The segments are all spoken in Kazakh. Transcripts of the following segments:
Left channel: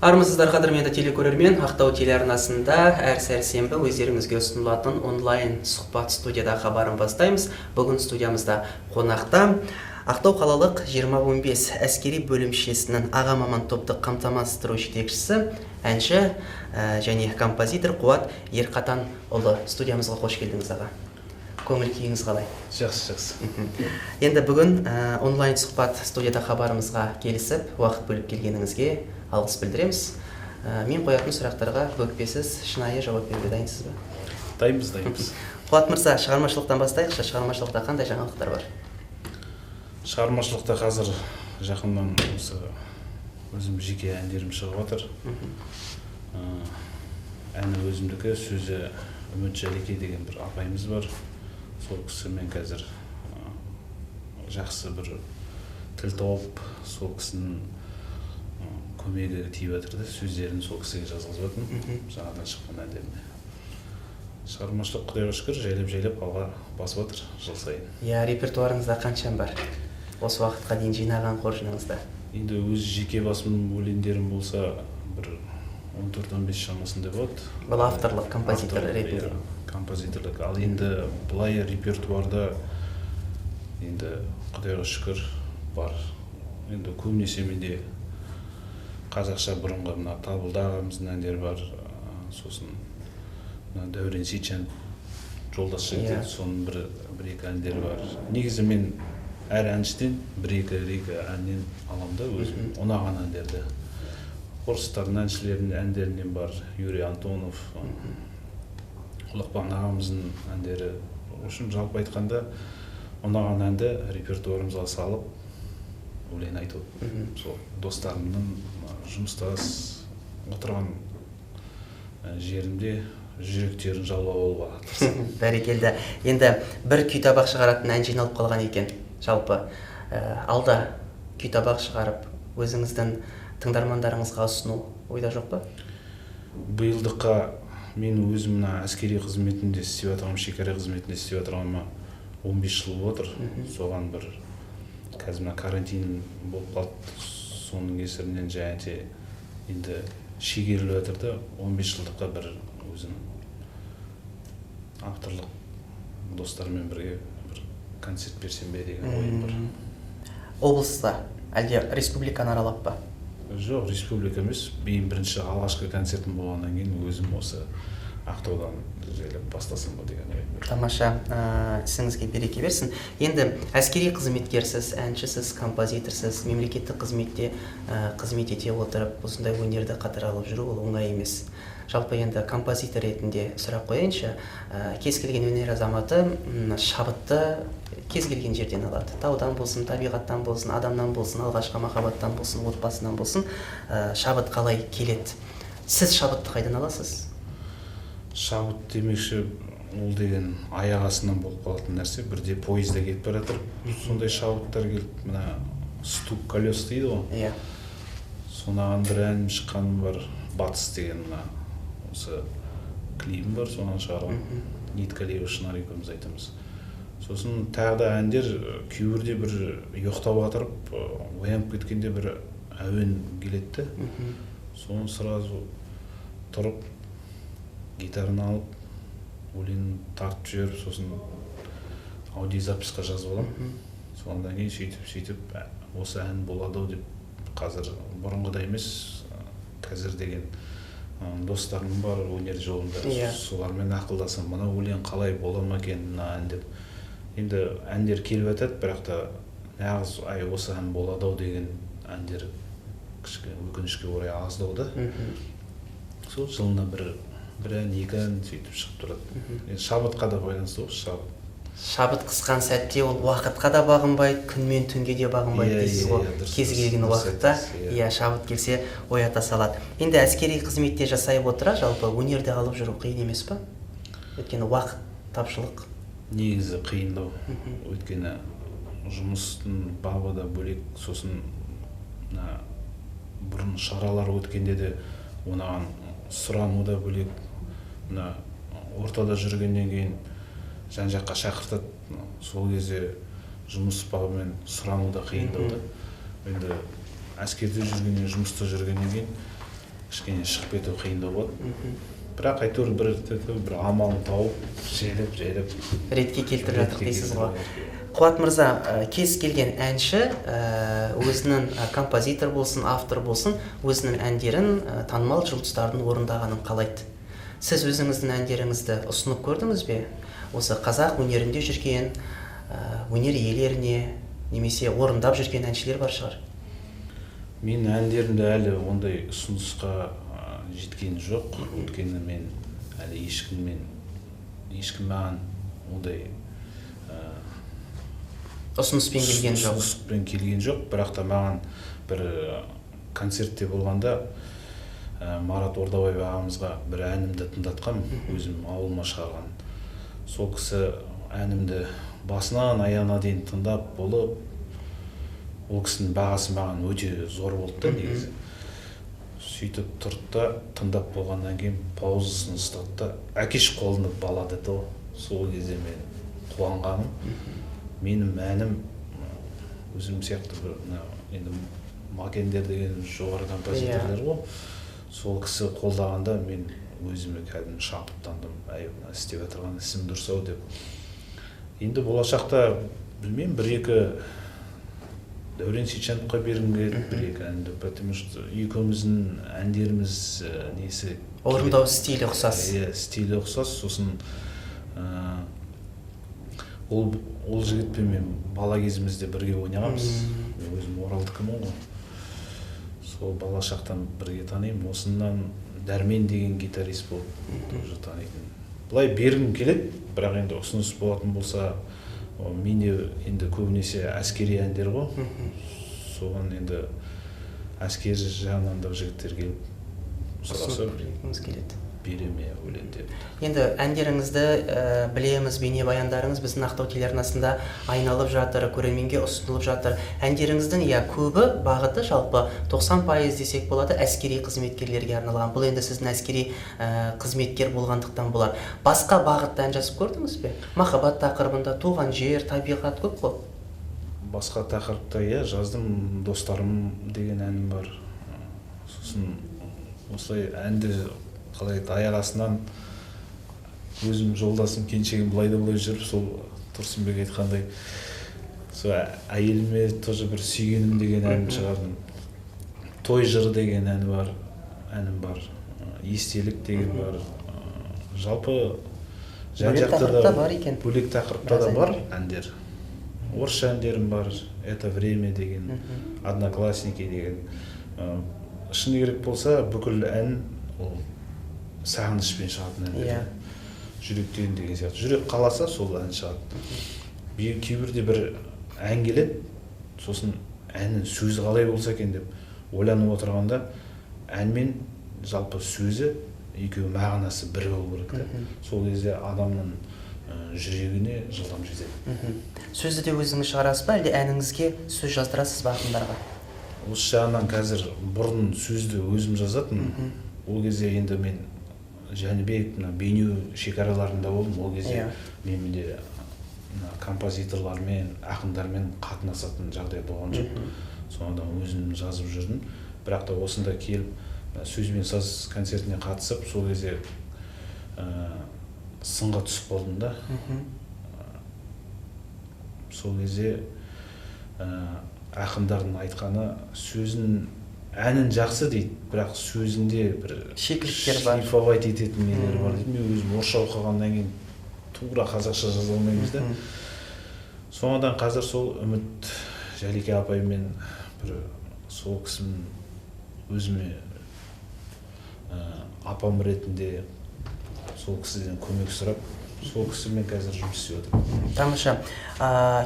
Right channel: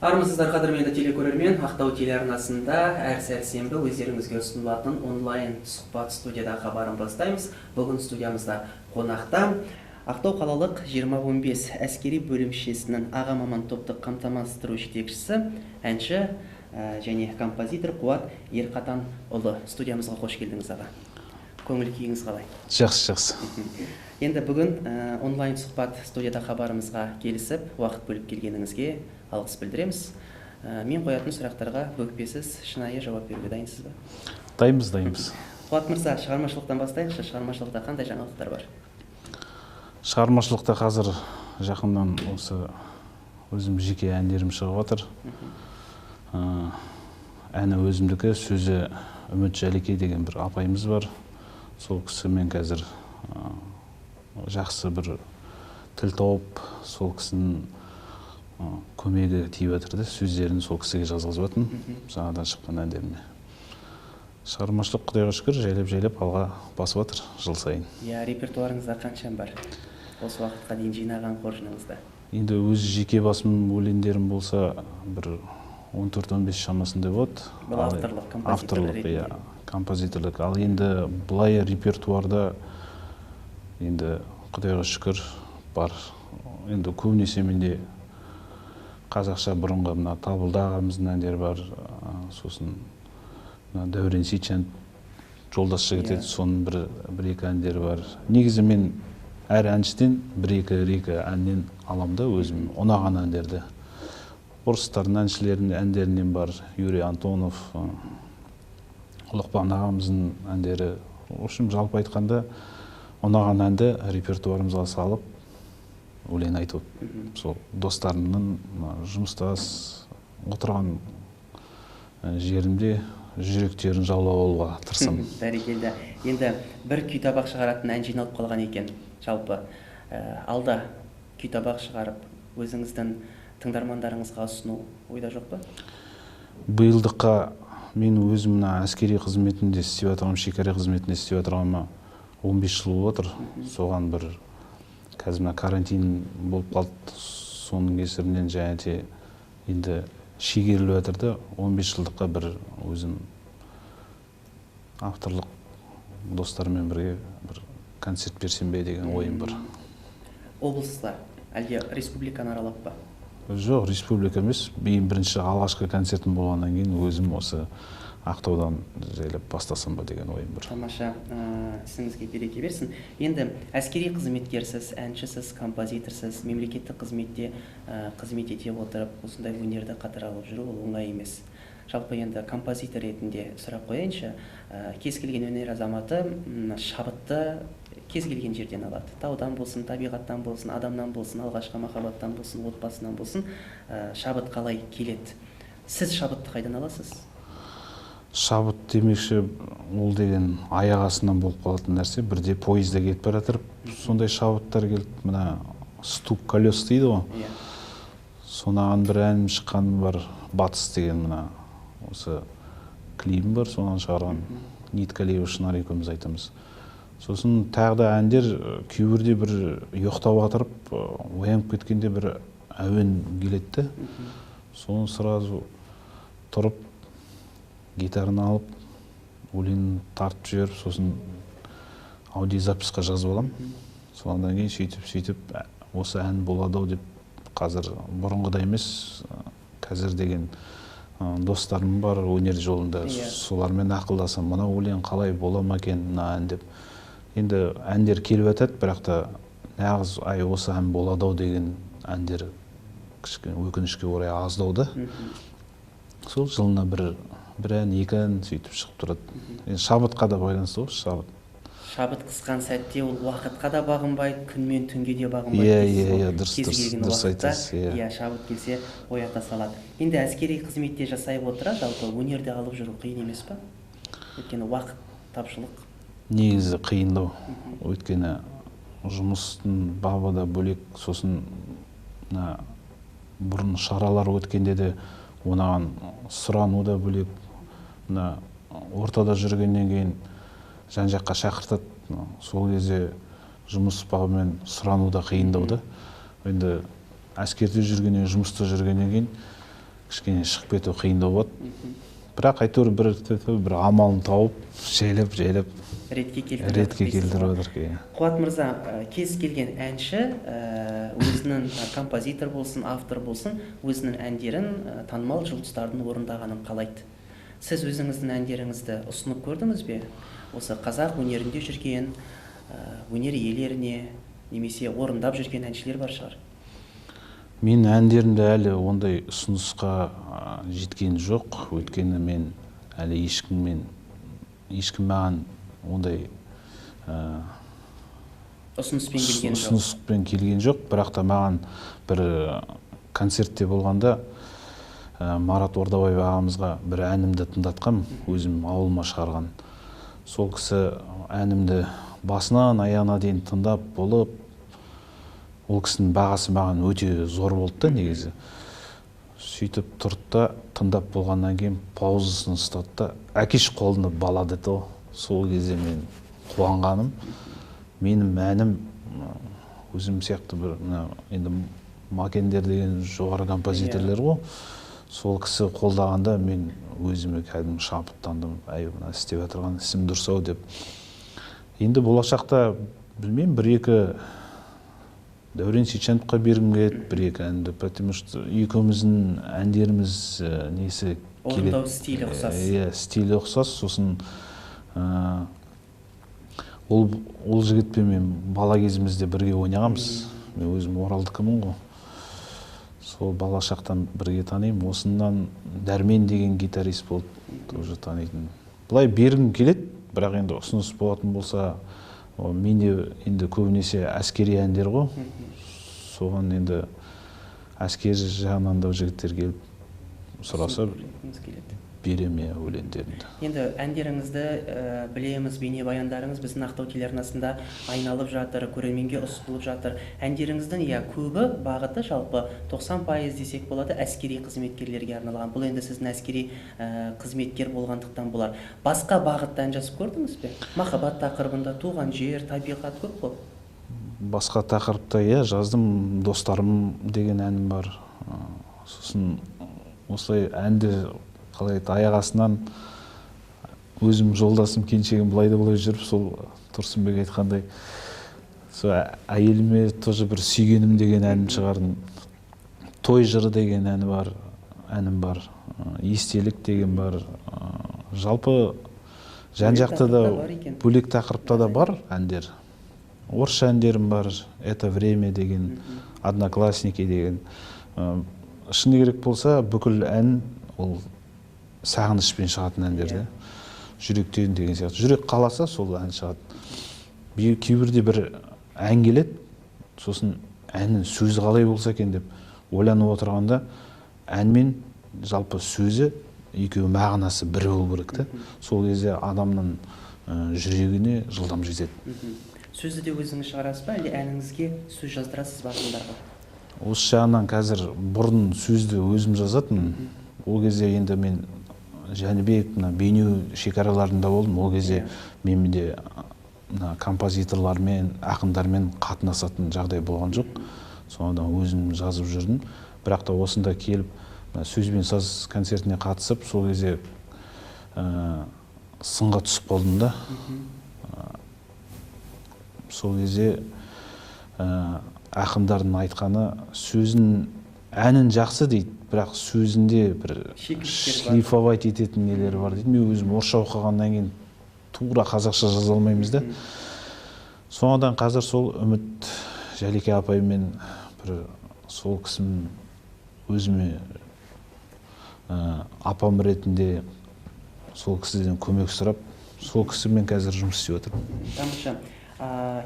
Армысыздар қадірменді телекөрермен, Ақтау телеарнасында әр сәрсенбі өздеріңізге ұсынылатын онлайн сұхбат студияда хабарын бастаймыз. Бүгін студиямызда қонақта Ақтау қалалық 2015 әскери бөлімшесінің аға маман топтық қамтамасыз ету жетекшісі, әнші және композитор Қуат Ерқатанұлы. Студиямызға қош келдіңіз аға. Көңіл күйіңіз қалай? Жақсы. Енді бүгін онлайн сұхбат студияда хабарымызға келісіп, уақыт бөліп келгеніңізге алғыс білдіреміз. Мен қоятын сұрақтарға өкпесіз, шынайы жауап беруге дайынсыз ба? Дайынбыз. Қуат мырза, шығармашылықтан бастайықшы. Шығармашылықта қандай жаңалықтар бар? Шығармашылықта қазір жақыннан осы өзім жеке әндерім шығып жатыр. Әні өзімдікі, сөзі Үміт Жәлекей деген бір апайымыз бар. Сол кісімен қазір жақсы бір тіл тауып, сол кісінің көмегі тиіп жатырды. Сөздерін сол кісіге жазғызып жатырмын. Жаңадан шыққан әндеріне. Шығармашылық құдайға шүкір жайлап алға басып жатыр жыл сайын. Репертуарыңызда қаншам бар? Осы уақытқа дейін жинаған қоржыныңызда? Енді өз жеке басым өлеңдерім болса, бір 14-15 шамасында болады. Бұл авторлық, композиторлық ретінде. Композиторлық. Ал енді бұлай репертуарда енді құдайға шүкір бар. Енді көбінесе менде қазақша бұрынғы мына Табылды ағамыздың әндері бар. Сосын Дәурен Сейітжан жолдас жігіт еді, соның бір-екі әндері бар. Негізі мен әр әншіден бір-екі әннен аламын да өзім ұнаған әндерді. Орыстардың әншілерінің әндерінен бар. Юрий Антонов, Лұқпан ағамыздың әндері. Общем, жалпы айтқанда ұнаған әнді репертуарымызға салып өлең айтып, сол достарымның жұмыстас отырған жерімде жүректерін жаулап алуға тырысамын. Бәрекелді. Енді бір күй табақ шығаратын ән жиналып қалған екен. Жалпы алда күй табақ шығарып, өзіңіздің тыңдармандарыңызға ұсыну ойда жоқ па? Биылдыққа мен өзім әскери қызметінде істеп отырғаным, шекара қызметінде істеп отырғаныма 15 жыл болып отыр. Соған бір қазір карантин болып қалды. Соның кесірінен және енді шегеріліп жатырды. 15 жылдыққа бір өзім авторлық достармен бірге бір концерт берсем бе деген ойым бар. Облыста әлде республиканы аралап па? Жоқ, республика емес. Мен бірінші алғашқы концертім болғаннан кейін өзім осы Ақтаудан жайлап бастасам ба деген ойым бар. Тамаша, ісіңізге береке берсін. Енді әскери қызметкерсіз, әншісіз, композиторсыз, мемлекеттік қызметте қызмет ете отырып, осындай өнерді қатар алып жүру ол оңай емес. Жалпы енді композитор ретінде сұрақ қояйыншы, кез келген өнер азаматы шабытты кез келген жерден алады. Таудан болсын, табиғаттан болсын, адамнан болсын, алғашқы махаббаттан болсын, отбасынан болсын, шабыт қалай келеді? Сіз шабытты қайдан аласыз? Шабыт демекші, ол деген аяқ астынан болып қалатын нәрсе. Бірде поезда кетіп бара жатыр, сондай шабыттар келді. Мына стук колес дейді ғой. Сонаған бір ән шыққаным бар, Батыс деген мына осы клипім бар, соған шығарған. Ниткалиева Шынар екеуміз айтамыз. Сосын тағы да әндер кейбірде бір ұйықтап отырып, оянып кеткенде бір әуен келеді. Соны сразу тұрып гитараны алып, өлең тартып жіберіп, сосын аудиозаписқа жазып аламын. Содан кейін сөйтіп осы ән болады деп, қазір бұрынғыдай емес, қазір деген достарым бар өнер жолында, солармен ақылдасам, мына өлең қалай бола ма екен, мына ән деп. Енді әндер келіп жатады, бірақ та нағыз осы ән болады деген әндер өкінішке орай аздау. Сол жылына бір ән, екі ән сөйтіп шығып тұрады. Шабытқа да байланысты ғой, шабыт. Шабыт қысқан сәтте ол уақытқа да бағынбайды, күн мен түнге де бағынбайды дейсіз ғой. Кез келген уақытта шабыт келсе оята салады. Енді әскери қызметте жасай отыра, жалпы өнерді алып жүру қиын емес па? Өйткені уақыт тапшылық. Негізі қиындау. Өйткені жұмыстың бабы да бөлек, сосын бұрын шаралар өткенде де онаған сұрану да бөлек. Ортада жүргеннен кейін жан-жаққа шақыртады. Сол кезде жұмыс бабымен сұрану да қиындау да. Енді әскерде жүргеннен, жұмыста жүргеннен кейін кішкене шығып кету қиындау болады. Бірақ әйтеуір бір амалын тауып жайлап ретке келтіріп жатыр. Қуат мырза, кез келген әнші өзінің композитор болсын, автор болсын, өзінің әндерін танымал жұлдыздардың орындағанын қалайды. Сіз өзіңіздің әндеріңізді ұсынып көрдіңіз бе? Осы қазақ өнерінде жүрген өнер иелеріне немесе орындап жүрген әншілер бар шығар? Мен әндерімді әлі ондай ұсынысқа жеткен жоқ. Өйткені мен әлі ешкім маған ондай ұсыныспен келген жоқ. Бірақ та маған бір концертте болғанда Марат Ордабаев ағамызға бір әнімді тыңдатқам, өзім ауылыма шығарған. Сол кісі әнімді басынан аяғына дейін тыңдап болып, ол кісінің бағасы маған өте зор болды да негізі. Сөйтіп тұрды да тыңдап болғаннан кейін паузасын ұстады да, әкеш қолында бала деді. Сол кезде мен қуанғаным. Менің әнім өзім сияқты бір енді Макендер деген жоғары композиторлар ғой. Сол кісі қолдағанда мен өзіме кәдімгі шабыттандым. Мына істеп отырған ісім дұрыс-ау деп. Енді болашақта білмеймін, бір-екі Дәурен Сейітжановқа бергім келеді, бір-екі әнді, потому что екеуміздің әндеріміз несі орындау стилі ұқсас. Стилі ұқсас, сосын ол жігітпен мен бала кезімізде бірге ойнағанбыз. Мен өзім Оралдікімін ғой. Сол бала шақтан бірге танимын. Осынан Дәрмен деген гитарист болды, тоже танитын. Бұлай бергім келеді, бірақ енді ұсыныс болатын болса, менде енді көбінесе әскери әндер ғой. Соған енді әскери жағынан да жігіттер келіп сұраса береме өлеңдерді. Енді әндеріңізді білеміз, бейнебаяндарыңыз біздің Ақтау телеарнасында айналып жатыр, көрерменге ұсынылып жатыр. Әндеріңіздің көбі бағыты жалпы 90% десек болады әскери қызметкерлерге арналған. Бұл енді сіздің әскери қызметкер болғандықтан болар. Басқа бағытта ән жазып көрдіңіз бе? Махаббат тақырыбында, туған жер, табиғат көп қой. Басқа тақырыпта жаздым. Достарым деген әнім бар. Сосын осылай әнді қалай аяқ астынан өзім жолдасым келіншегім былай жүріп, сол Тұрсынбек айтқандай сол әйеліме тоже бір сүйгенім деген әнім шығардым. Той жыры деген әнім бар. Естелік деген бар. Жалпы жан-жақта да бөлек тақырыпта да бар әндер. Орысша әндерім бар. Это время деген, Одноклассники деген. Шыны керек болса, бүкіл ән ол сағынышпен шығатын әндер. Жүректен деген сияқты. Жүрек қаласа сол ән шығады. Кейбірде бір ән келеді, сосын әннің сөзі қалай болса екен деп ойланып отырғанда, ән мен жалпы сөзі екеуі мағынасы бірі болу керек та. Сол кезде адамның жүрегіне жылдам жетеді. Сөзді де өзіңіз шығарасыз ба, әлде әніңізге сөз жаздырасыз ба ақындарға? Осы жағынан қазір бұрын сөзді өзім жазатын. Ол кезде енді мен Жәнібек, бейнеу шекараларында болдым. Ол кезде менде композиторлармен, ақындармен қатынасатын жағдай болған жоқ. Содан өзім жазып жүрдім. Бірақ та осында келіп, сөз бен саз концертіне қатысып, сол кезде сынға түсіп қалдым да. Сол кезде ақындардың айтқаны сөзін әнін жақсы дейді, бірақ сөзінде бір шлифовать ететін нелер бар дейді. Мен өзім орысша оқығаннан кейін тура қазақша жаза алмаймыз да. Соңынан қазір сол Үміт Жәлике апаймен бір сол кісінің өзіме апам ретінде сол кісіден көмек сұрап, сол кісімен қазір жұмыс істеп отырмын. Тамаша.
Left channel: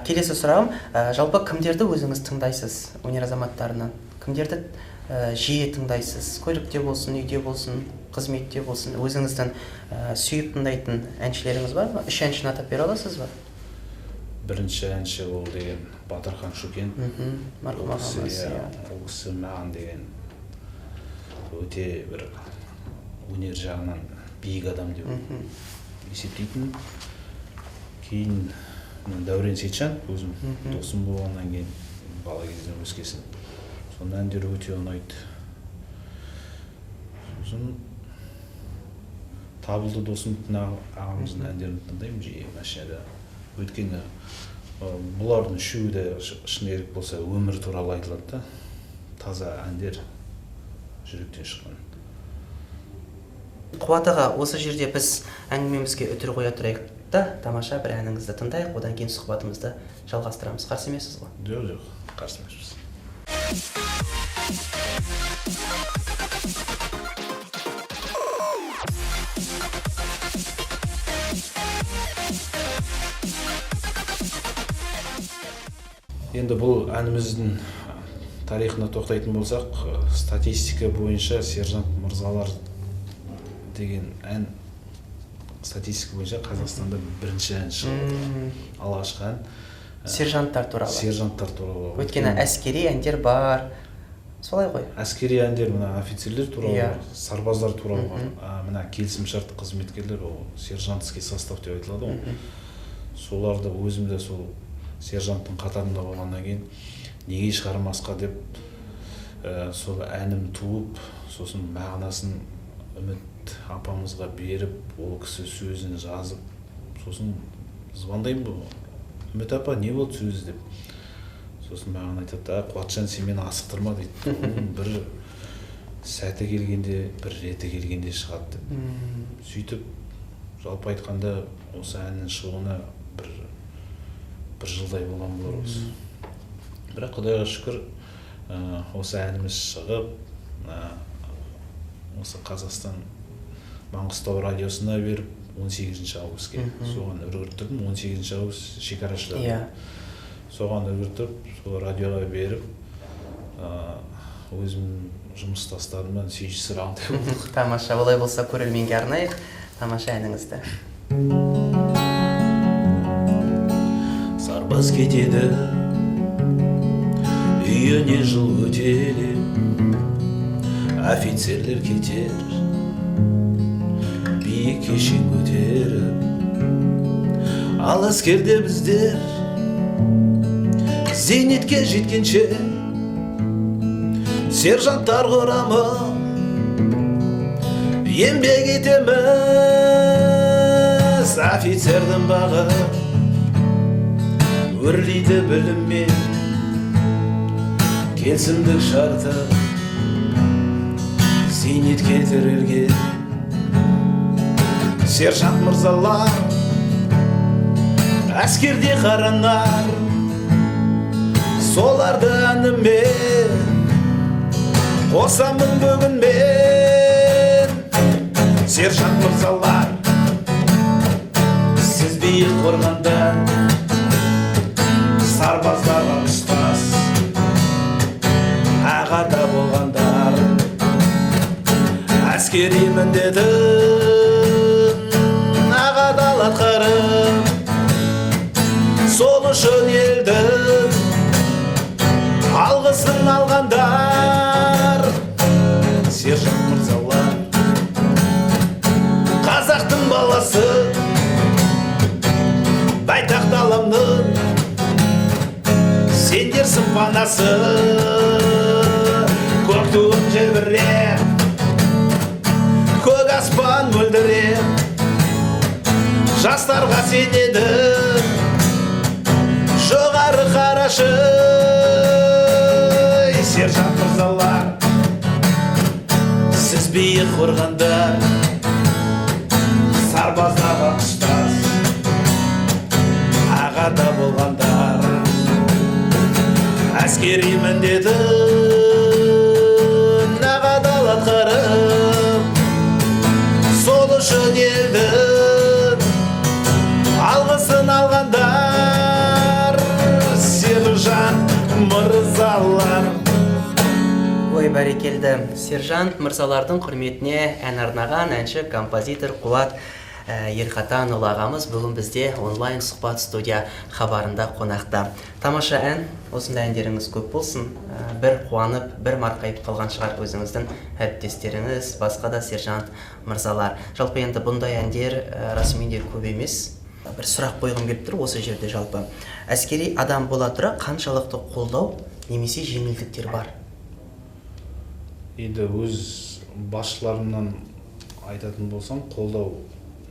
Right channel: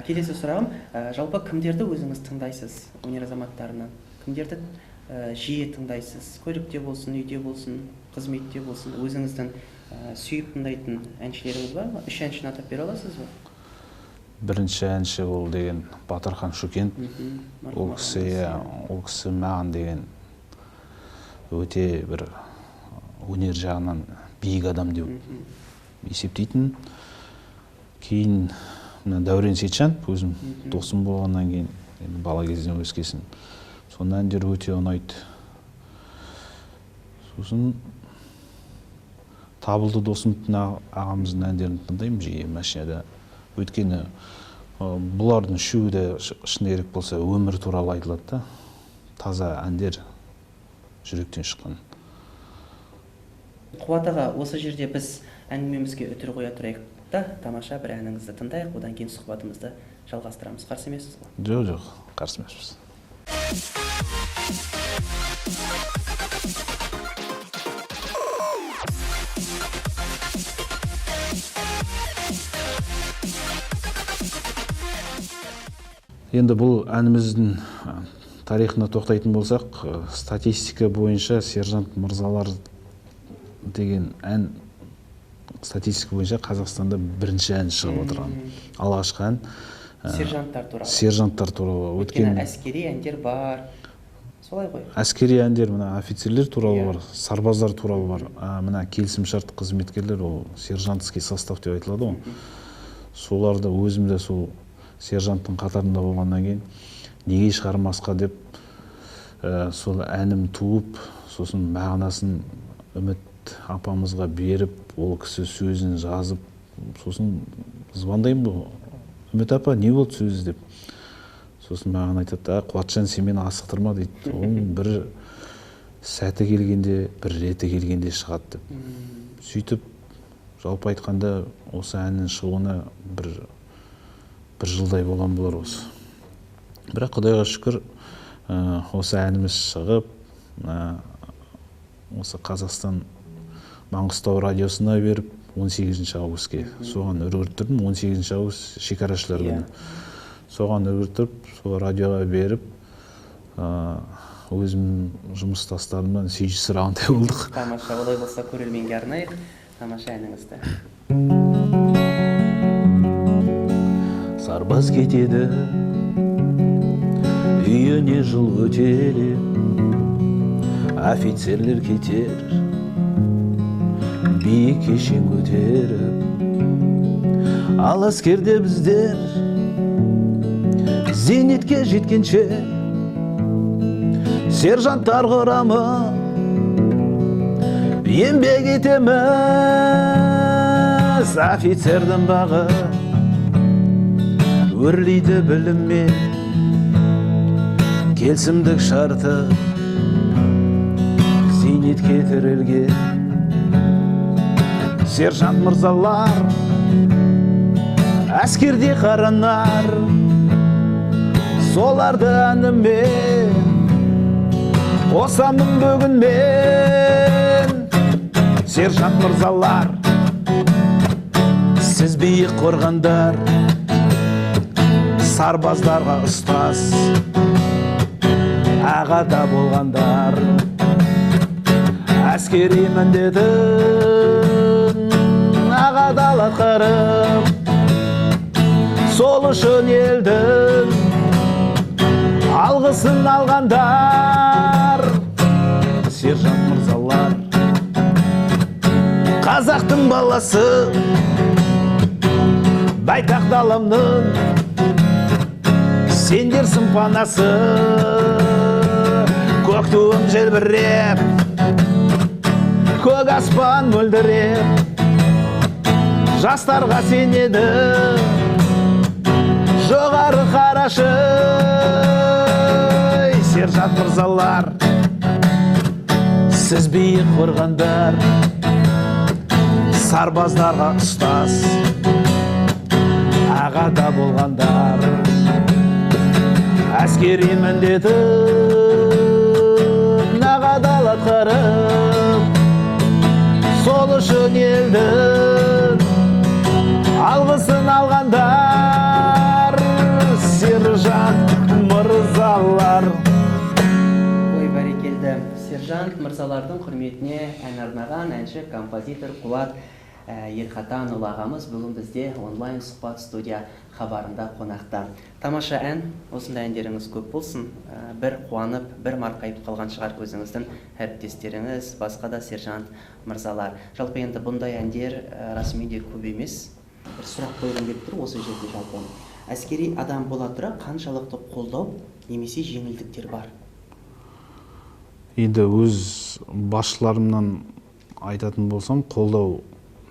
Келесі сұрағым, жалпы кімдерді өзіңіз тыңдайсыз өнер азаматтарынан? Кімдерді жиі тыңдайсыз? Көлікте болсын, үйде болсын, қызметте болсын, өзіңіздің сүйіп тыңдайтын әншілеріңіз бар ма? 3 әншіні атап бере аласыз ба? Бірінші әнші ол деген Батырхан Шөкен. Ол кісі маған деген өте бір өнер жағынан биік адам деп есептейтін. Кейін Дәурен Сейітжанов, өзім досым болғаннан кейін бала кезден өскесін. Соның әндері өте ұнайды. сосын Табылды досымовтың ағамыздың әндерін тыңдаймын жиі машинада. Өйткені бұлардың үшеуі де шын керек болса өмір туралы айтылады да. Таза әндер жүректен шыққан. Қуат аға, осы жерде біз әңгімемізге үтір қоя тұрайық та, тамаша бір әніңізді тыңдайық, одан кейін сұхбатымызды жалғастырамыз. Қарсы емессіз ғой? Жоқ, қарсы емеспіз. Енді бұл әніміздің тарихына тоқтайтын болсақ, статистика бойынша Сержант Мырзалар деген ән статистика бойынша Қазақстанда бірінші ән шығып отырған. Алғашқы ән Сержанттар туралы. Сержанттар туралы. Өйткені әскери әндер бар. Солай ғой. Әскери әндер, мына офицерлер туралы бар, сарбаздар туралы бар. Мына келісімшарт қызметкерлер, ол сержантский состав деп айтылады ғой. Соларды өзім де сол сержанттың қатарында болғаннан кейін неге шығармасқа деп сол әнім туып, сосын мағынасын Үміт апамызға беріп, ол кісі сөзін жазып, сосын звондаймын бұл. Үміт апа, не болды сөзі деп. Сосын маған айтады, Қуатжан, сен мені асықтырма дейді. Оның бір сәті келгенде, бір реті келгенде шығады деп. Сөйтіп, жалпы айтқанда осы әннің шығуына бір жылдай болған болар осы. Бірақ Құдайға шүкір, осы әніміз шығып, осы Қазақстан Маңғыстау радиосына беріп, 18 августке соған үргірттірдім. 18 август шекарашылар күні. Соған үргіртіп, сол радиоға беріп, өзім жұмыстастарыммен сүйші сұрағандай болдық. Тамаша, олай болса көрерменге арнайық. Тамаша әніңізді. Сарбаз кетеді, үйіне жыл өтелі, офицерлер кетер, биік кешен көтеріп, ал әскерде біздер зейнетке жеткенше сержанттар құрамы еңбек етеміз. Офицердің бағы өрлейді біліммен, келісімдік шарты зейнетке тірелген. Сержант мырзалар әскерде қаранар, соларды әнімен қосамын бүгін мен. Сержант мырзалар, сіз биік қорғандар, сарбаздарға ұстаз, ағада болғандар. Әскери міндетін ағадал атқарып, сол үшін елдің алғысын алғандар. Сержант мырзалар, қазақтың баласы, байтақ даламның сендерсің панасы. Көк туым желбіреп, көк аспан мөлдіреп, жастарға сенеді жоғары қарашы. Сержант мырзалар, сіз биік қорғандар, сарбаздарға ұстаз, ағада болғандар. Әскери міндетін ағадал атқарып, сол үшін елдің алғысын алғандар. Сержант мырзалар. Ой, бәрекелді. Сержант мырзалардың құрметіне ән арнаған әнші композитор Қуат Ерқатанұлы ағамыз бүгін бізде онлайн сұхбат студия хабарында қонақта. Тамаша ән, осындай әндеріңіз көп болсын. Бір қуанып, бір марқайып қалған шығар өзіңіздің әріптестеріңіз, басқа да сержант мырзалар. Жалпы енді бұндай әндер расымен де көп емес. Бір сұрақ қойғым келіп тұр осы жерде жалпы. Әскери адам бола тұра қаншалықты қолдау немесе жеңілдіктер бар? енді өз басшыларымнан айтатын болсам, қолдау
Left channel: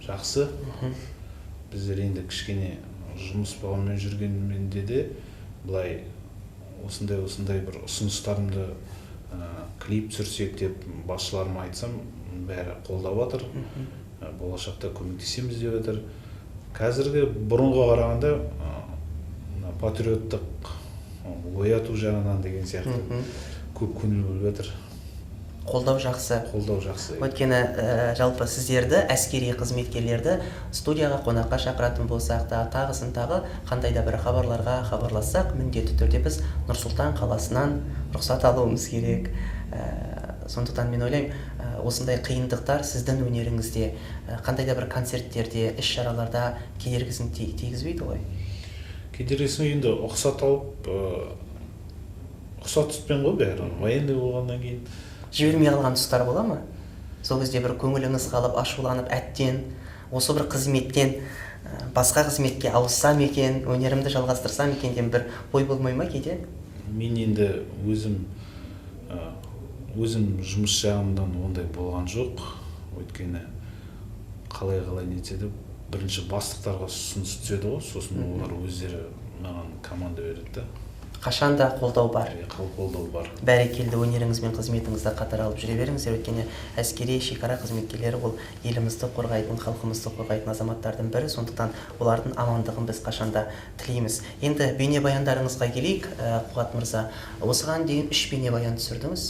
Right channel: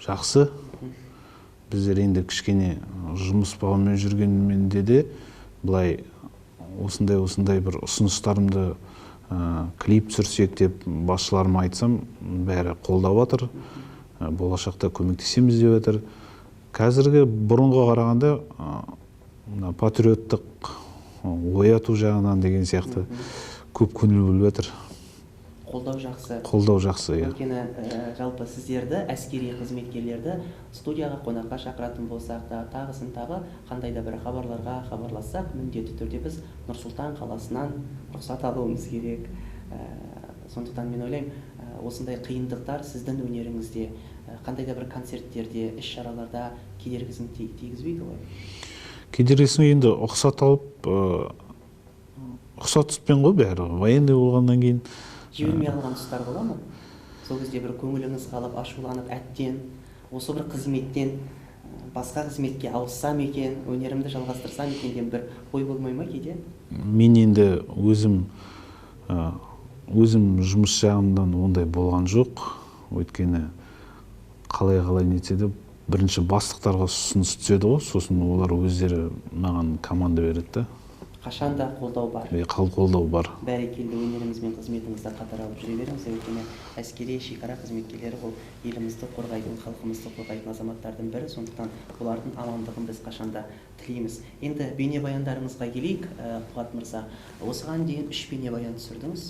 жақсы. Біздер енді кішкене жұмыс бабымен жүргенменде де былай осындай бір ұсыныстарымды клип түсірсек деп басшыларыма айтсам, бәрі қолдап жатыр. Болашақта көмектесеміз деп жатыр. Қазіргі бұрынға қарағанда патриоттық ояту жағынан деген сияқты көп көңіл бөліп жатыр. Қолдау жақсы. Қолдау жақсы. Өйткені жалпы сіздерді, әскери қызметкерлерді студияға қонаққа шақыратын болсақ та, тағысын тағы қандай да бір хабарларға хабарлассақ, міндетті түрде біз Нұр-Сұлтан қаласынан рұқсат алуымыз керек. Сондықтан мен ойлаймын, осындай қиындықтар сіздің өнеріңізде, қандай да бір концерттерде, іс-шараларда кедергісін тигізбейді ғой? Кедергісін енді ұқсат алып, ұқсат тұтпен ғой бәрі. Военный болғаннан кейін жібермей қалған тұстар бола ма? Сол кезде бір көңіліңіз қалып, ашуланып, әттен, осы бір қызметтен басқа қызметке ауыссам екен, өнерімді жалғастырсам екен деген бір ой болмай ма кейде? Мен енді өзім жұмыс жағымдан ондай болған жоқ. Өйткені қалай нетсе де бірінші бастықтарға ұсыныс түседі ғой, сосын олар өздері маған команда береді. Қашанда қолдау бар. Қолдау бар. Бәрекелді, өнеріңіз бен қызметіңізді қатар алып жүре беріңіздер. Өйткені әскери шекара қызметкерлері ол елімізді қорғайтын, халқымызды қорғайтын азаматтардың бірі. Сондықтан олардың амандығын біз қашанда тілейміз. Енді бейнебаяндарыңызға келейік, Қуат мырза. Осыған дейін 3 бейнебаян түсірдіңіз.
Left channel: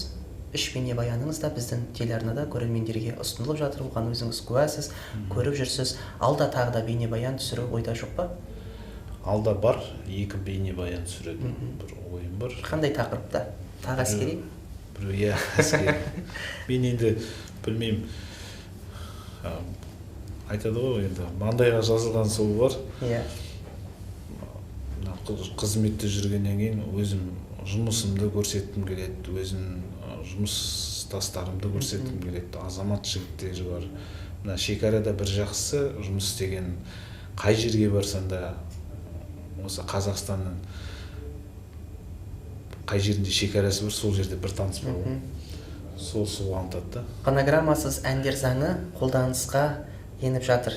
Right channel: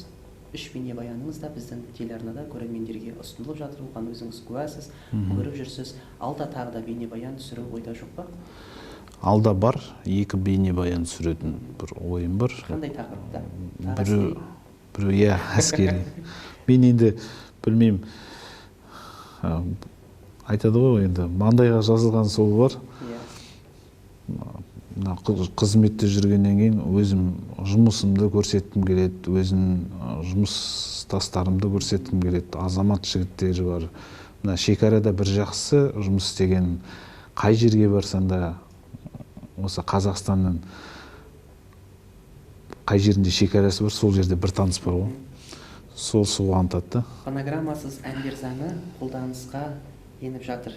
3 бейнебаяныңыз да біздің телеарнада көрермендерге ұсынылып жатыр. Оған өзіңіз куәсіз, көріп жүрсіз. Алда тағы да бейнебаян түсіру ойда жоқ па? Алда бар, 2 бейнебаян түсіретін бір ойым бар. Қандай тақырыпта? Тағы әскери? Иә, әскери. Мен енді білмеймін, айтады ғой енді, маңдайға жазылған сол бар. Иә. Қызметте жүргеннен кейін өзім жұмысымды көрсеткім келеді, өзім жұмыстастарымды көрсеткім келеді. Азамат жігіттері бар. Шекарада бір жақсы жұмыс істеген, қай жерге барсаң да осы Қазақстанның қай жерінде шекарасы бар, сол жерде бір таныс бар ғой. Сол қуантады. Фонограммасыз әндер заңы қолданысқа еніп жатыр.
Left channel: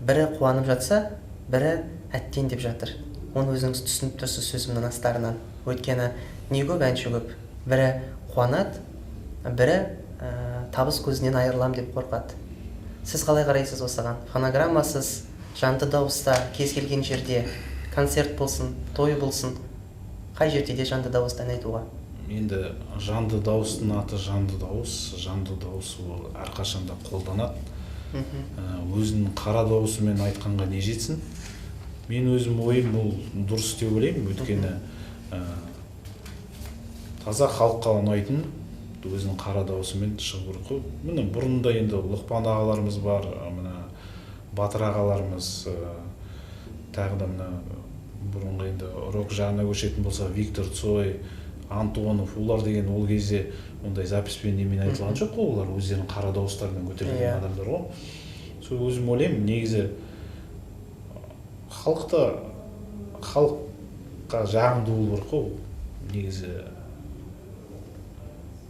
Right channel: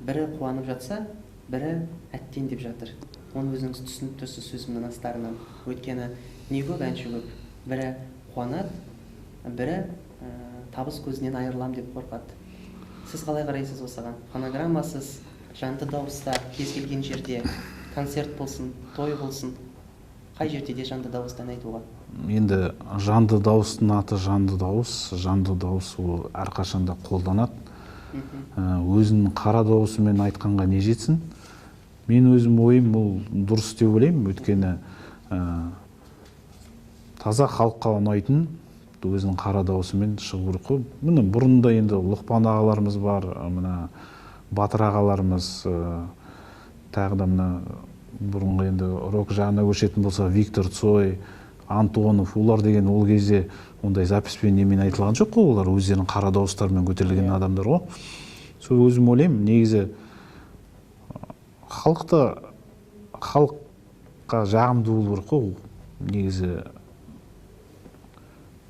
Бірі қуанып жатса, бірі әттен деп жатыр. Оны өзіңіз түсініп тұрсыз сөзімнің астарынан. Өйткені не көп, әнші көп. Бірі қуанады, бірі табыс көзінен айырылам деп қорқады. Сіз қалай қарайсыз осыған? Фонограммасыз, жанды дауыста, кез келген жерде, концерт болсын, той болсын, қай жерде де жанды дауыстан айтуға? Енді жанды дауыстың аты жанды дауыс ол әрқашанда қолданады. Өзінің қара дауысымен айтқанға не жетсін? Мен өзім ойым бұл дұрыс деп ойлаймын, өйткені таза халыққа ұнайтын өзінің қара дауысымен шығу керек қой. Міне бұрында енді Лұқпан ағаларымыз бар, мына Батыр ағаларымыз, тағы да мына бұрынғы енді рок жағына көшетін болса Виктор Цой, Антонов, олар деген ол кезде ондай записпен немен айтылған жоқ қой, олар өздерінің қара дауыстарымен көтерілген адамдар ғой. Сол өзім ойлаймын, негізі халыққа жағымды болу керек қой, негізі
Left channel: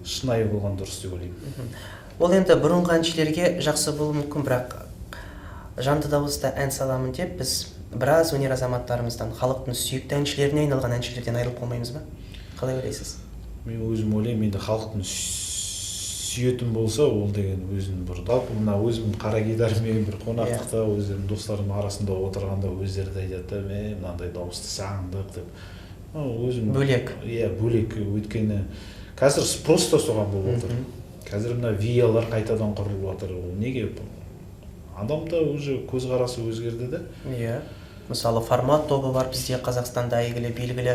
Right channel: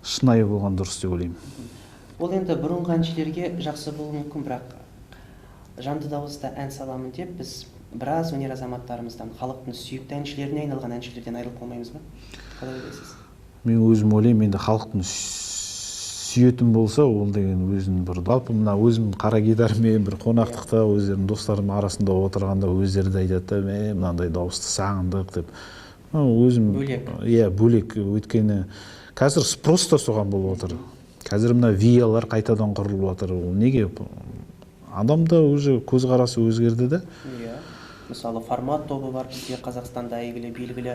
шынайы болған дұрыс деп ойлаймын. Ол енді бұрынғы әншілерге жақсы болуы мүмкін, бірақ жанды дауыста ән саламын деп біз біраз өнер азаматтарымыздан, халықтың сүйікті әншілеріне айналған әншілерден айырылып қалмаймыз ба? Қалай ойлайсыз? Мен өзім ойлаймын, енді халықтың сүйетін болса, ол деген өзінің бір жалпы мына өзім қара гитарамен бір қонақтықта өздерінің достарым арасында отырғанда өздері де айтады, мынандай дауысты сағындық деп. Өзім бөлек. Иә, бөлек. Өйткені қазір спрос та соған болып отыр. Қазір мына виялар қайтадан құрылып жатыр. Неге? Адамда уже көзқарасы өзгерді де. Иә. Мысалы, формат тобы бар бізде Қазақстанда әйгілі, белгілі,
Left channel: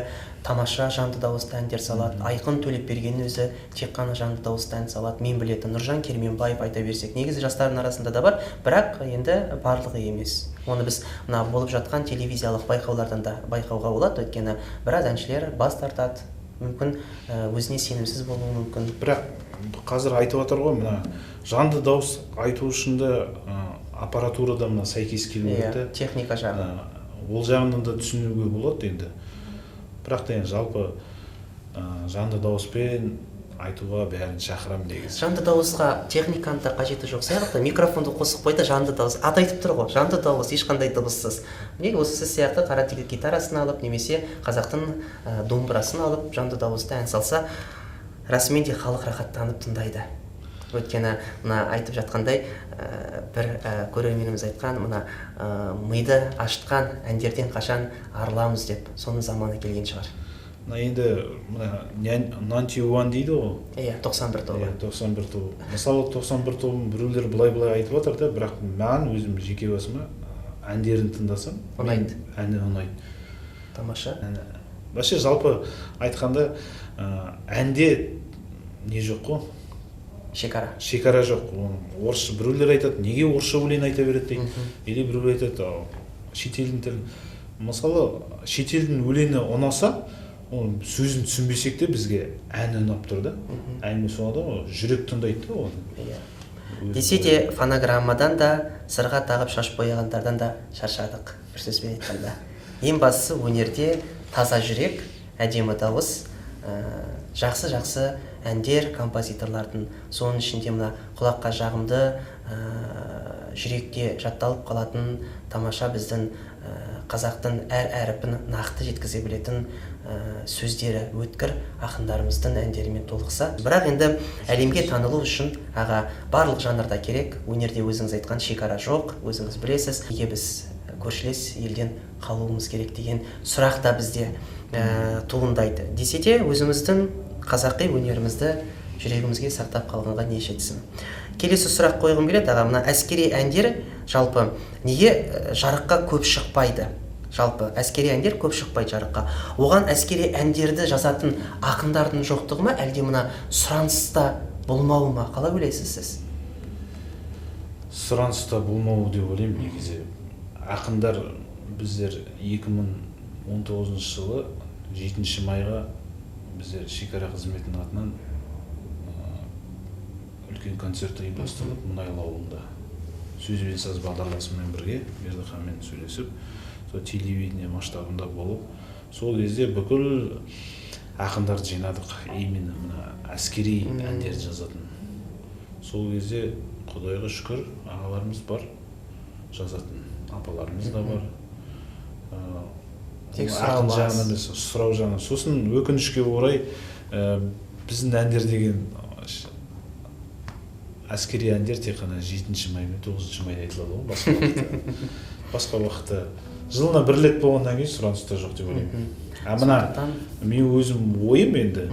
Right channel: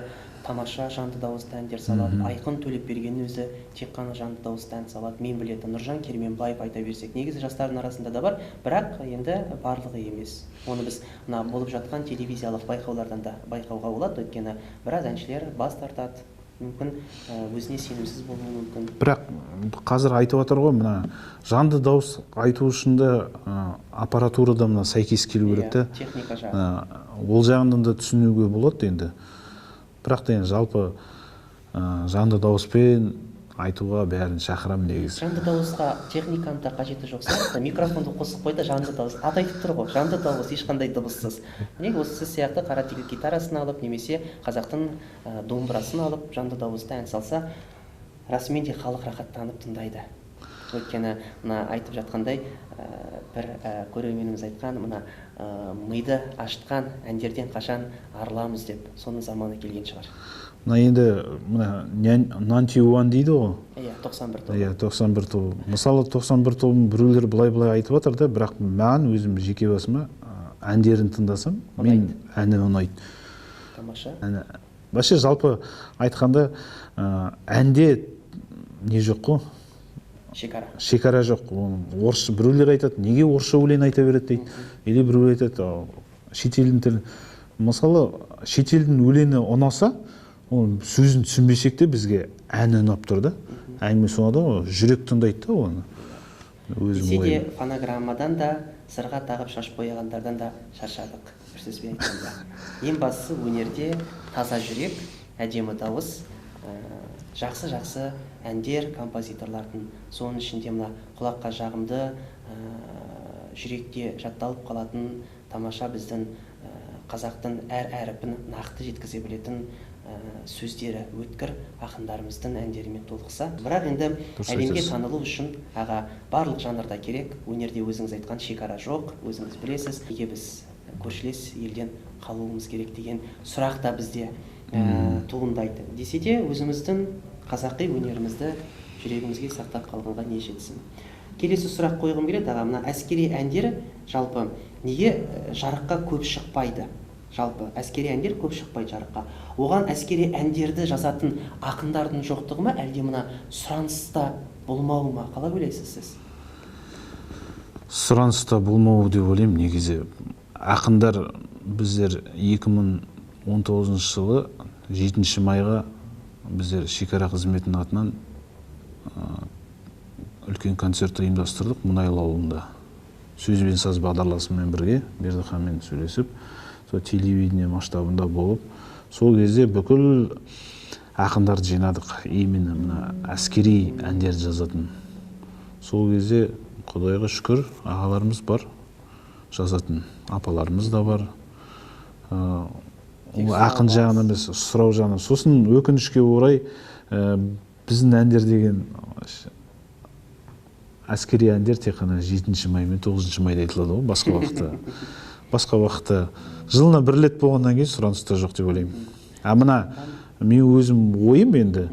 тамаша жанды дауысты әндер салады. Айқын Төлепберген өзі тек қана жанды дауысты ән салады. Мен білетін Нұржан Керменбаев айта берсек, негізі жастардың арасында да бар, бірақ енді барлығы емес. Оны біз мына болып жатқан телевизиялық байқаулардан да байқауға болады, өйткені біраз әншілер бас тартады. Мүмкін өзіне сенімсіз болуы мүмкін. Бірақ қазір айтып отыр ғой, мына жанды дауыс айту үшін де аппаратурада мына сәйкес келу керек те. Техника жағы. Ол жағынан да түсінуге болады енді. Бірақ та жалпы жанды дауыспен айтуға бәрін шақырамын негізі. Жанды дауысқа техниканың да қажеті жоқ сияқты. Микрофонды қосып қой да жанды дауыс. Аты айтып тұр ғой, жанды дауыс, ешқандай дыбыссыз. Міне осы сіз сияқты қара тегіл гитарасын алып, немесе қазақтың домбырасын алып, жанды дауыста ән салса, расымен де халық рахаттанып тыңдайды. Өйткені мына айтып жатқандай бір көрерменіміз айтқан, мына миды ашытқан әндерден қашан арыламыз деп, соның заманы келген шығар. Мына енді Нантиуан дейді ғой. Иә, 91 тобы. Иә, 91 тобы. Мысалы 91 тобын біреулер былай айтып жатыр да, бірақ маған өзім жеке басыма әндерін тыңдасам, мен әні ұнайды. Тамаша. Вообще жалпы айтқанда әнде не жоқ қой? Шекара жоқ. Орысша біреулер айтады, неге орысша өлең айта береді дейді. Или біреулер айтады, шетелдің тілі. Мысалы шетелдің өлеңі ұнаса, сөзін түсінбесек те бізге әні ұнап тұр да. Әңгіме сонда ғой, жүрек тыңдайды да оны. Десе де фонограммадан да, сырға тағып шаш бояғандардан да шаршадық, бір сөзбен айтқанда. Ең бастысы өнерде таза жүрек, әдемі дауыс, жақсы әндер, композиторлардың, соның ішінде мына құлаққа жағымды, жүректе жатталып қалатын тамаша біздің қазақтың әр әріпін нақты жеткізе білетін сөздері өткір ақындарымыздың әндерімен толықса. Бірақ енді әлемге танылу үшін барлық жанрда керек. Өнерде өзіңіз айтқан шекара жоқ, өзіңіз білесіз. Неге біз көршілес елден қалуымыз керек деген сұрақ та бізде туындайды. Десе де өзіміздің қазақи өнерімізді жүрегімізге сақтап қалғанға не жетсін. Келесі сұрақ қойғым келеді, мына әскери әндер жалпы неге жарыққа көп шықпайды? Жалпы әскери әндер көп шықпайды жарыққа. Оған әскери әндерді жазатын ақындардың жоқтығы ма, әлде мына сұраныста болмауы ма? Қалай ойлайсыз сіз? Сұраныста болмауы деп ойлаймын. Негізі ақындар біздер 2019 жылы 7 майға біздер шекара қызметінің атынан үлкен концерт ұйымдастырылып, Мұнайлы ауылында сөз бен саз бағдарламасымен бірге Бердіханмен сөйлесіп, телевидение масштабында болып, сол кезде бүкіл ақындарды жинадық, именно мына әскери әндерді жазатын. Сол кезде Құдайға шүкір ағаларымыз бар, жазатын, апаларымыз да бар. Ақын жағынан емес, сұрау жағынан. Сосын өкінішке орай біздің әндер деген әскери әндер тек қана 7 май мен 9 майда айтылады ғой, басқа уақытта. Басқа уақытта жылына бір рет болғаннан кейін сұраныста жоқ деп ойлаймын. Мына мен өзім ойым енді,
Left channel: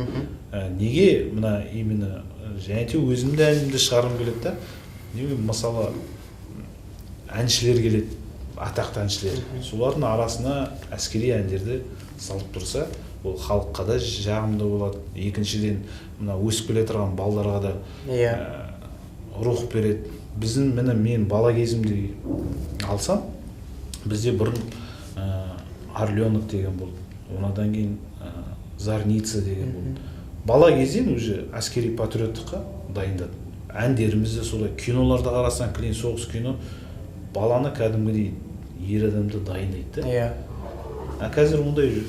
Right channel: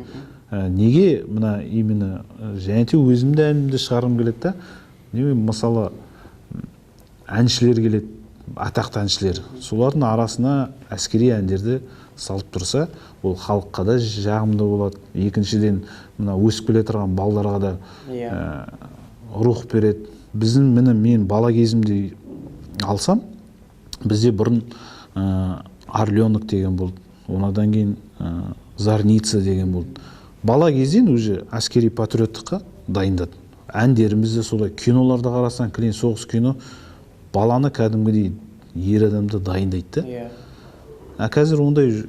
неге мына именно және де өзімді әнімді шығарғым келеді да, мысалы әншілер келеді, атақты әншілер, солардың арасына әскери әндерді салып тұрса, ол халыққа да жағымды болады. Екіншіден мына өсіп келе тұрған балаларға да рух береді. Біздің мен бала кезімде алсам, бізде бұрын Орленок деген болды, онадан кейін Зарница деген болды. Бала кезден уже әскери патриоттыққа дайындады. Әндерімізді солай, киноларды қарасаң, Клин соғыс кино баланы кәдімгідей ер адамды дайындайды да. Қазір ондай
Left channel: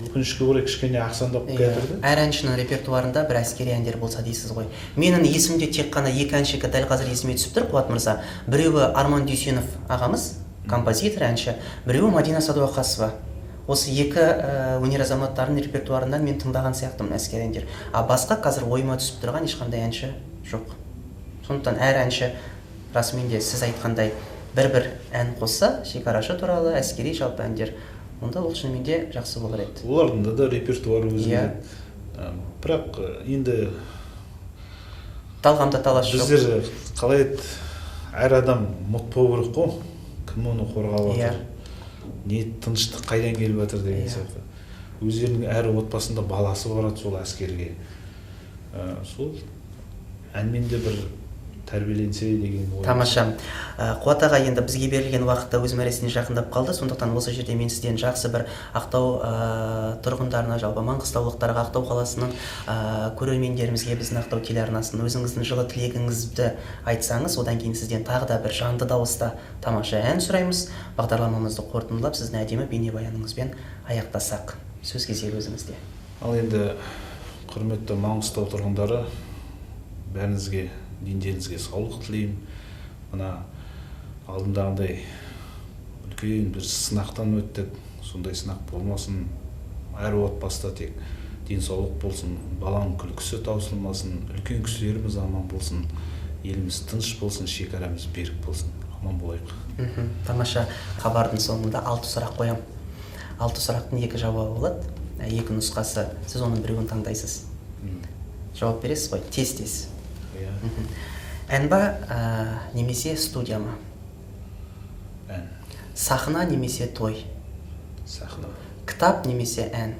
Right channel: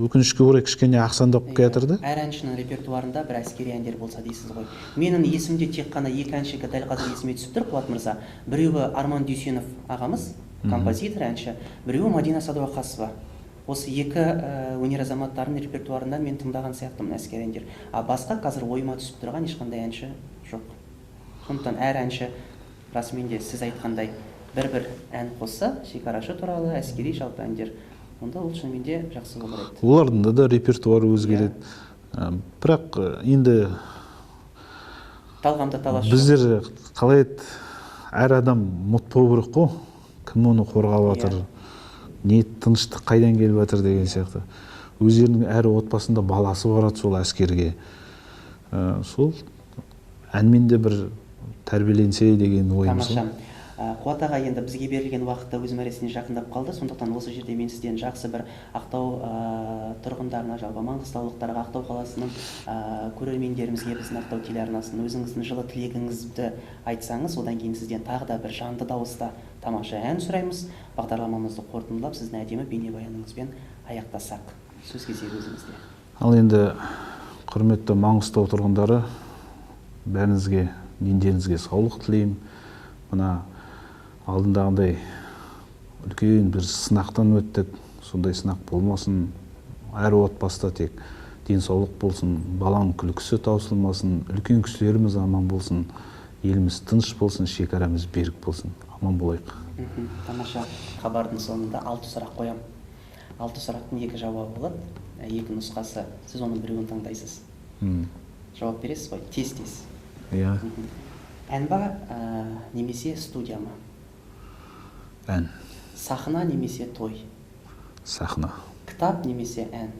өкінішке орай кішкене ақсандап келатыр да. Әр әншінің репертуарында бір әскери әндер болса дейсіз ғой. Менің есімде тек қана екі әншіге дәл қазір есіме түсіп тұр, Қуат мырза. Біреуі Арман Дүйсенов ағамыз, композитор, әнші, біреуі Мадина Садуақасова. Осы екі өнер азаматтарының репертуарынан мен тыңдаған сияқтымын әскери әндер. Басқа қазір ойыма түсіп тұрған ешқандай әнші жоқ. Сондықтан әр әнші расымен де сіз айтқандай бір ән қосса, шекарашы туралы әскери жалпы әндер, онда ол шынымен де жақсы болар еді. Олардың да репертуары өзгереді. Бірақ енді талғамда талас жоқ. Біздер қалай еді, әр адам мұт болу керек қой, кім оны қорғап жатыр, не тыныштық қайдан келіп жатыр деген сияқты. Өздерінің әр отбасында баласы барады сол әскерге. Сол әнмен де бір тәрбиеленсе деген ойым. Тамаша. Қуат аға, енді бізге берілген уақытта өз мәресіне жақындап қалды. Сондықтан осы жерде мен сізден жақсы бір Ақтау тұрғындарына, жалпы маңғыстаулықтарға, Ақтау қаласының көрермендерімізге, біздің Ақтау телеарнасының өзіңіздің жылы тілегіңізді айтсаңыз, одан кейін сізден тағы да бір жанды дауыста тамаша ән сұраймыз. Бағдарламамызды қорытындылап, сіздің әдемі бейнебаяныңызбен аяқтасақ. Сөз кезегі өзіңізде. Ал енді Құрметті Маңғыстау тұрғындары, бәріңізге, дендеріңізге саулық тілеймін. Мына алдындағындай үлкен бір сынақтан өттік. Сондай сынақ болмасын, әр отбасыда тек денсаулық болсын, баланың күлкісі таусылмасын, үлкен кісілеріміз аман болсын, еліміз тыныш болсын, шекарамыз берік болсын. Аман болайық. Тамаша. Хабардың соңында 6 сұрақ қоям. 6 сұрақтың 2 жауабы болады. 2 нұсқасы. Сіз оның біреуін таңдайсыз. Жауап бересіз ғой? Тез-тез. Иә. Ән ба, немесе студия ма? Ән. Сахна немесе той? Сахна. Кітап немесе ән?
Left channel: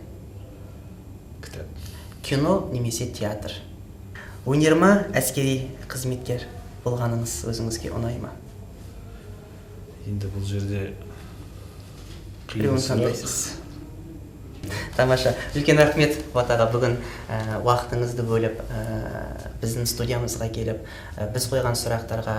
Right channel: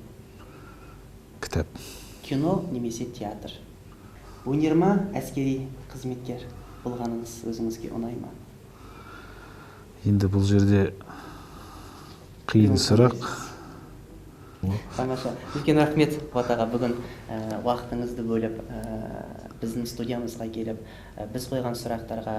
Кітап. Кино немесе театр? Өнер ма, әскери қызметкер болғаныңыз өзіңізге ұнай ма? Енді бұл жерде қиын сұрақ. Тамаша. Үлкен рахмет Қуат-аға, бүгін уақытыңызды бөліп, біздің студиямызға келіп, біз қойған сұрақтарға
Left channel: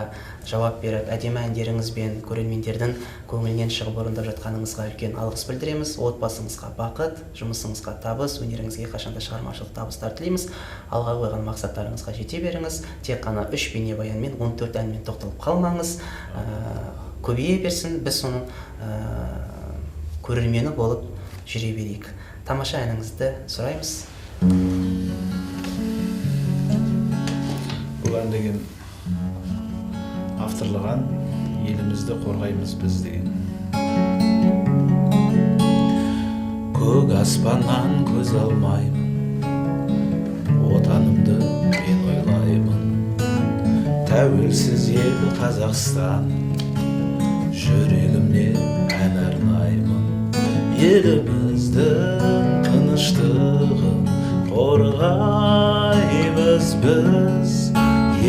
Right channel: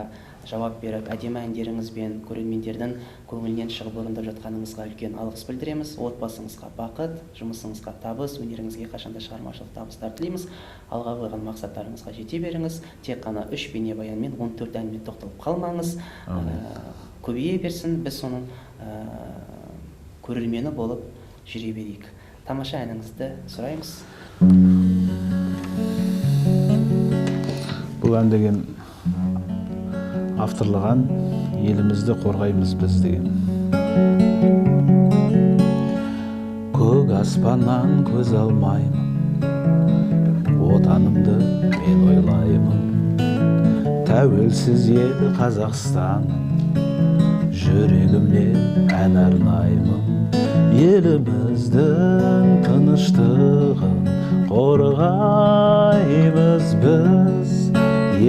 жауап беріп, әдемі әндеріңізбен көрермендердің көңілінен шығып орындап жатқаныңызға үлкен алғыс білдіреміз. Отбасыңызға бақыт, жұмысыңызға табыс, өнеріңізге қашанда шығармашылық табыстар тілейміз. Алға қойған мақсаттарыңызға жете беріңіз. Тек қана 3 бейнебаянмен, 14 әнмен тоқталып қалмаңыз. Көбейе берсін, біз соның көрермені болып жүре берейік. Тамаша әніңізді сұраймыз. Бұл ән деген авторлаған елімізді қорғаймыз біз деген. Көк аспаннан көз алмаймын, отанымды мен ойлаймын. Тәуелсіз ел Қазақстан, жүрегімде ән арнаймын. Еліміздің тыныштығын қорғаймыз біз.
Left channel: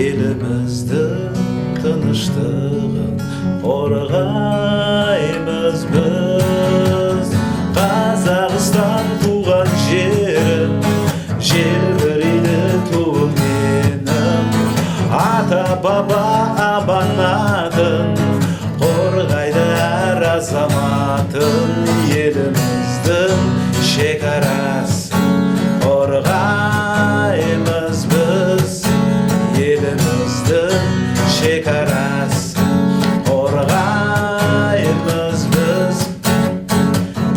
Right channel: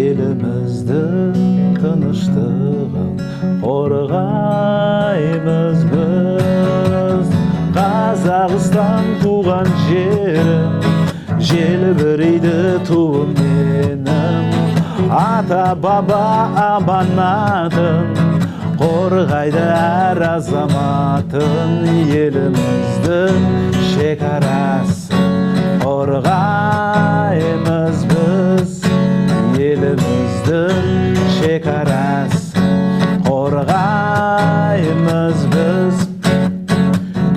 Еліміздің тыныштығын қорғаймыз біз. Қазақстан туған жерім, желбірейді туым менің. Ата баба аманатын қорғайды әр азаматын. Еліміздің шекарасын қорғаймыз біз. Еліміздің шекарасын қорғаймыз біз.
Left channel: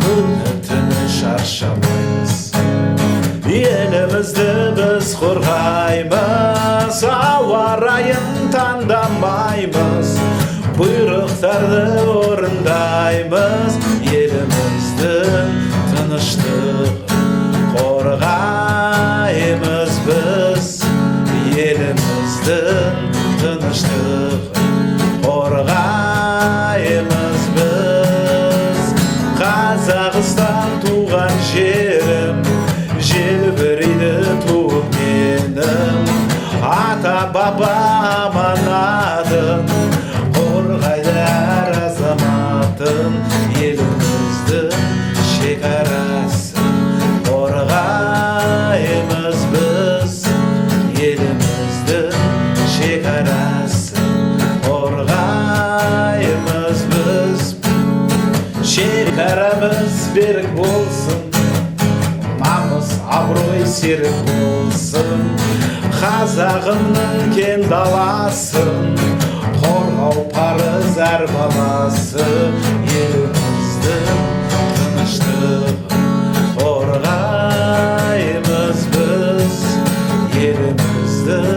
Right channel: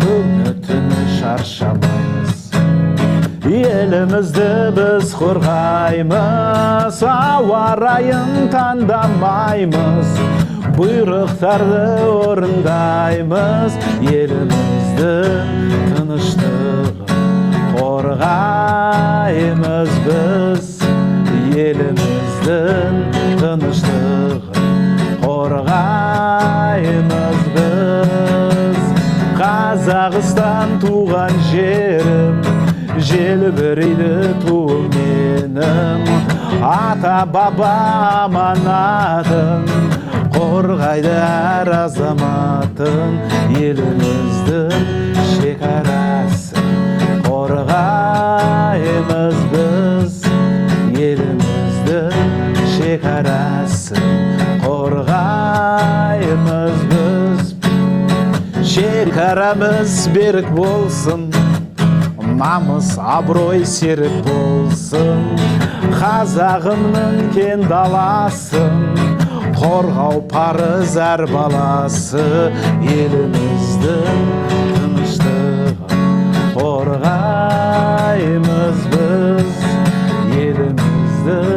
Күні түні шаршамаймыз, елімізді біз қорғаймыз. Ауа райын таңдамаймыз, бұйрықтарды орындаймыз. Еліміздің тыныштығын қорғаймыз біз. Еліміздің тыныштығын қорғаймыз біз. Қазақстан туған жерім, желбірейді туым менің. Ата баба аманатын қорғайды әр азаматын. Еліміздің шекарасын қорғаймыз біз. Еліміздің шекарасын қорғаймыз біз. Шекарамыз берік болсын, намыс абырой серік болсын. Қазағымның кең даласын қорғау парыз әр баласы. Еліміздің тыныштығын қорғаймыз біз. Еліміздің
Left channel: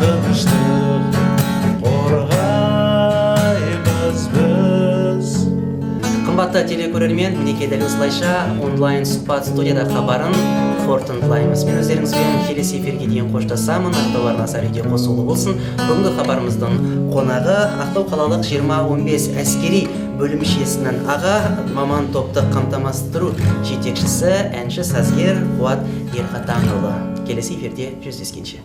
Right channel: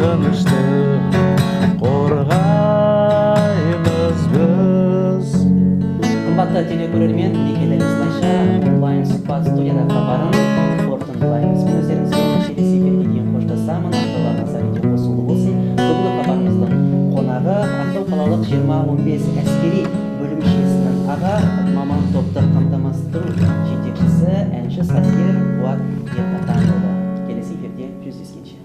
тыныштығын қорғаймыз біз. Қымбатты телекөрермен, мінекей дәл осылайша онлайн сұхбат студияда хабарын қорытындылаймыз. Мен өздеріңізбен келесі эфирге дейін қоштасамын. Ақтау арнасы радио қосулы болсын. Бүгінгі хабарымыздың қонағы Ақтау қалалық 20-15 әскери бөлімшесінің аға маман топты қамтамасыз ету жетекшісі, әнші сазгер Қуат Ерқатанұлы. Келесі эфирде жүздескенше.